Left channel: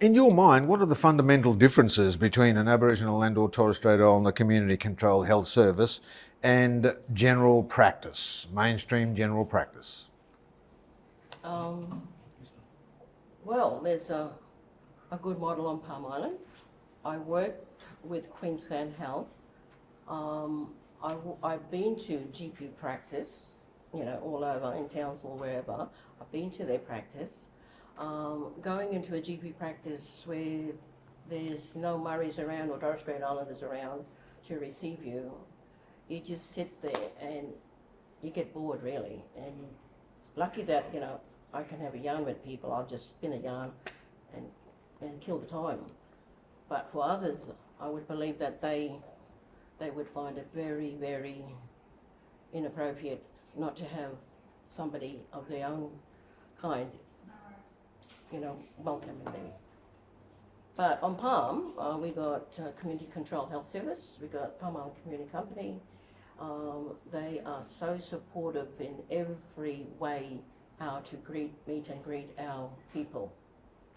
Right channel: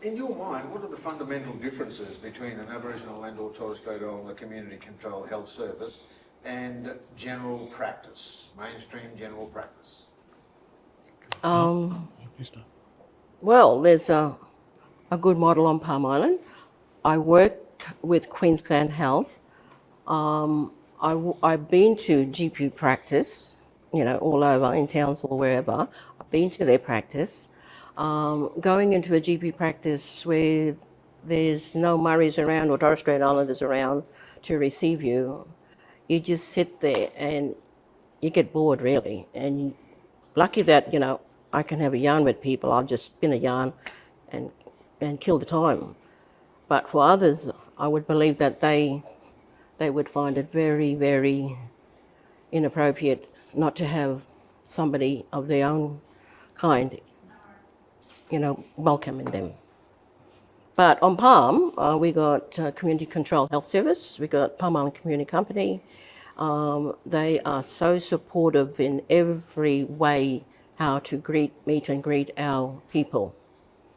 In your mind, what are the fundamental differences between an Aboriginal and or Torres Strait Islander community controlled health service and general practice, mainstream general practice? Well, there's a good model on Palm Island. I worked with Queensland Health. I've been to GP practice, all over in towns or wherever. I've been to their practice. Going into a GP practice where there's no Murrays around or Torres Strait Islanders around to receive you, you just sit there and you get bored really. And lucky that, I can have a yarn with people. I'll just spin a yarn and kill the time. But for others, I would believe that they would find it very, very inappropriate not to have somebody of their own kind, welcoming them. But on Palm, we got Community Control Health Service, we got Palm Island Community Company. They are so supportive in every way how to meet and greet our people.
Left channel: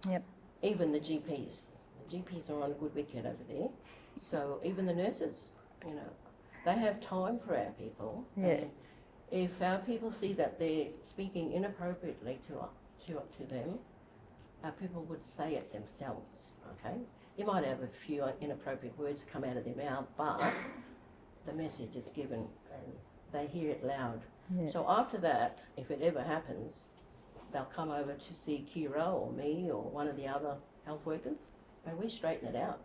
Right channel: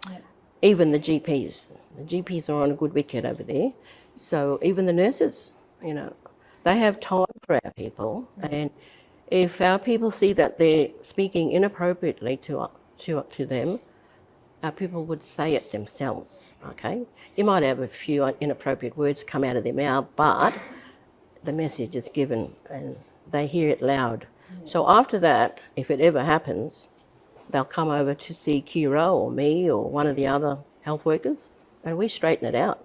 Yep. Even the GPs. The GPs are on a good wicket over there. So even the nurses, they have time for our people. Yeah. And if our people see that they're speaking inappropriately to them, our people would say it themselves, okay? You might have a few inappropriate words come out of their mouth, but the message is given and they hear it loud. Yeah. So after that, if it ever happens, they'll come over to see Kira or me or one of the other health workers, and we straighten it out.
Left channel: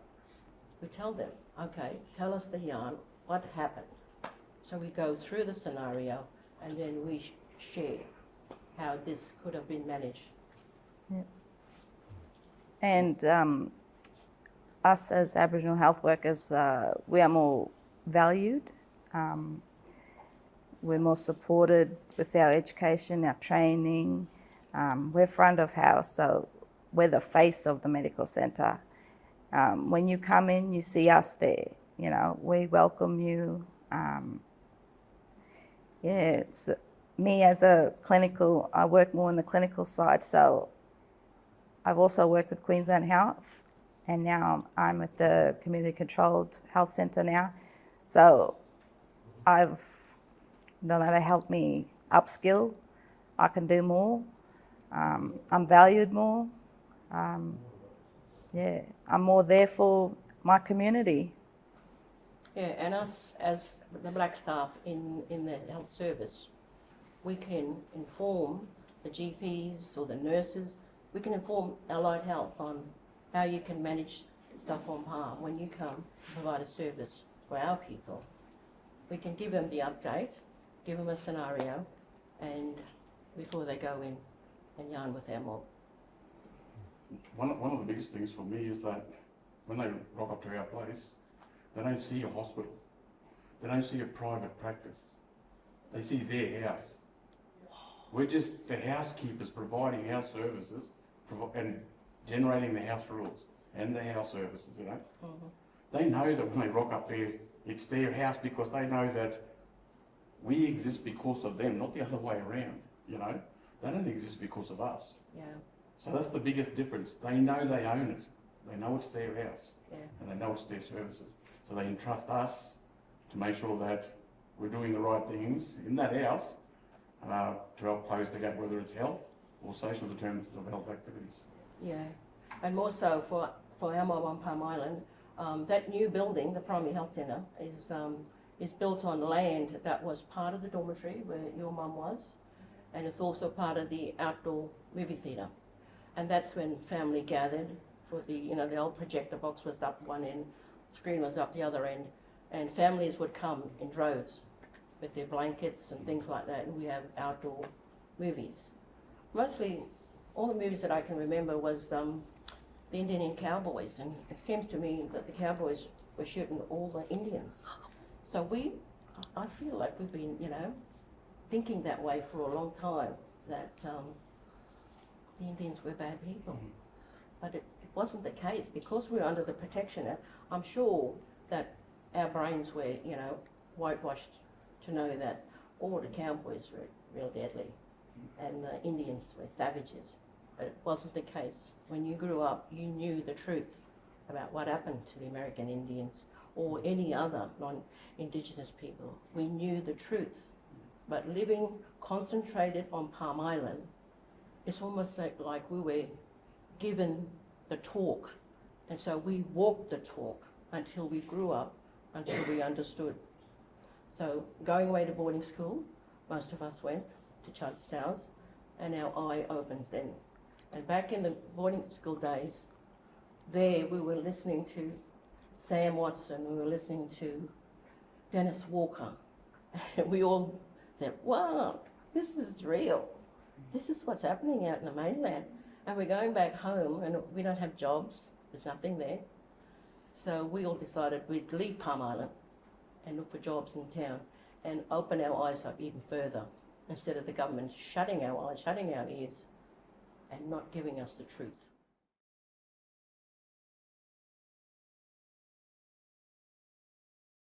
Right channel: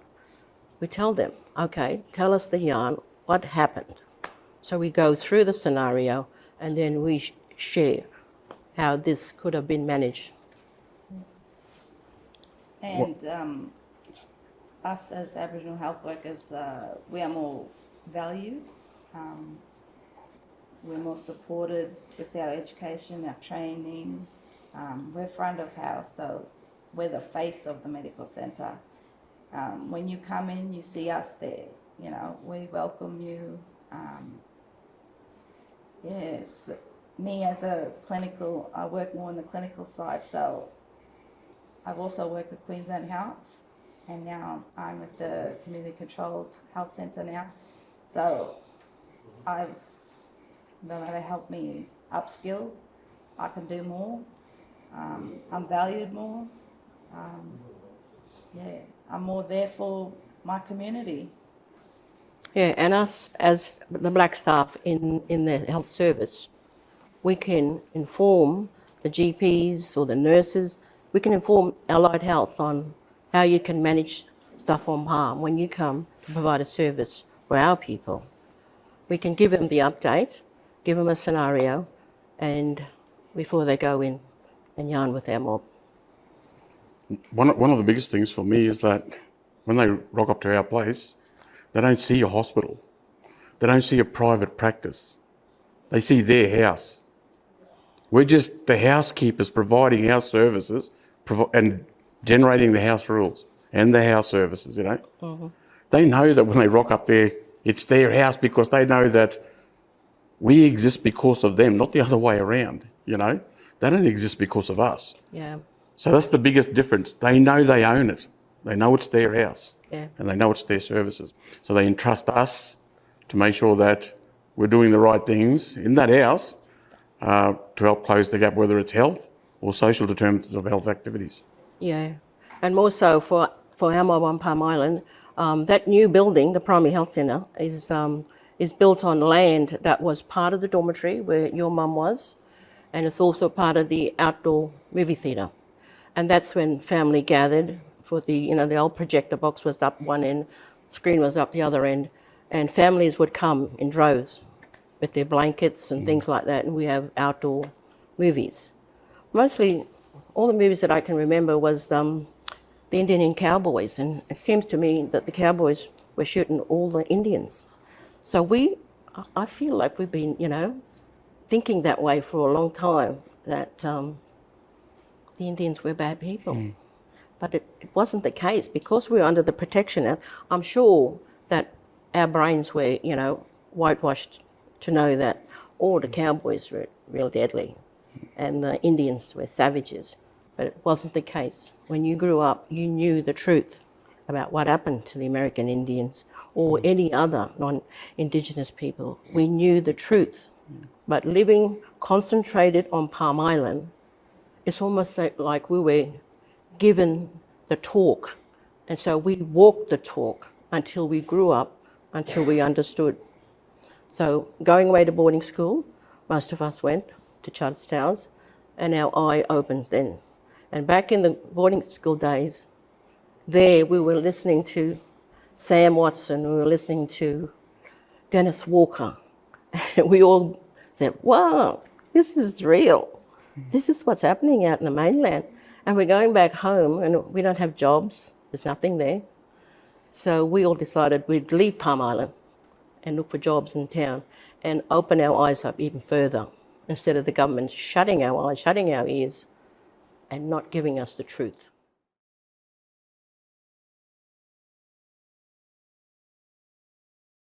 We tell them, okay, tell us the yarn, what happened? So we go through the scenario and then we share how this could have been managed. Yeah. And us as Aboriginal health workers, we are more valued. We're more supported with our education, our training. We're front of house, so we're the face of the medical centre. When you come in, you see us there. We welcome you. It's me as a clinical. I work more on the clinical side, so I've also worked with Queensland Health, and now I'm at the Community Controlled Health Centre now. So I've known that they help me upskill. I can do more. I'm valued more. I'm more there for my community. Yeah, and us as the black staff in the health service, we can inform the GPs or the nurses, we can inform allied health on how you can manage stuff on Palm when you come to provide a service for our people. We can give them the update, give them a scenario, and before they go in and yarn with our mob. One of the biggest things for me is that when they rock up to our place, they don't see a hospital. They don't see a private practice. They see their house. We're just the housekeepers providing our services and generating the house rules and the house services, Mm-hmm. They know that when they rock up there, it's their house because they know that we exist because of them, not the other way around, They don't exist because of us. Yeah. So that's the biggest difference. They know they own it. They know it's their house. Yeah. And they know it's their services. So they entrust us to make sure that we're doing the right things in that house to help close the gap, whether it's health or social determinants of health activities. Yeah, and more so for our mob on Palm Island, that new building, the Primary Health Centre, is built on land that was part of the dormitory where your mum was, and it's also part of the outdoor movie theatre. And that's when family gathered for the old projector box was up one end, screen was up the other end, and families would come in droves with their blankets and things like that, and we have outdoor movies. Mostly, all the movies that I can remember was the Indian cowboys, and it seems to me that the cowboys were shooting all the Indians. So I feel like we've been, thinking that way for a long time, that the Indians were bad people. Mm. But it wasn't the case. Because we were under the Protection, I'm sure that our brains were, whitewashed to know that all the cowboys were real deadly and the Indians were savages. But it wasn't the case. When you grew up, you knew the truth about what happened to the American Indians or any other non-Indigenous people. We knew the truth. But living concentrated on Palm Island, it's almost like we were given the talk. And so we walked the talk until we grew up, until we understood. So going away to boarding school, most of us went to Charters Towers, and our eye opened then. And back in the boarding school days, there we were listening to Sam Watson, we were listening to Dennis Walker. And we all said, wow, this is real. This is what's happening out in the mainland. And we're going back home and we don't have jobs. There's nothing there. So we all decided we'd leave Palm Island and look for jobs in town and open our eyes up even further instead of the government shutting our eyes, shutting our ears and not giving us the truth.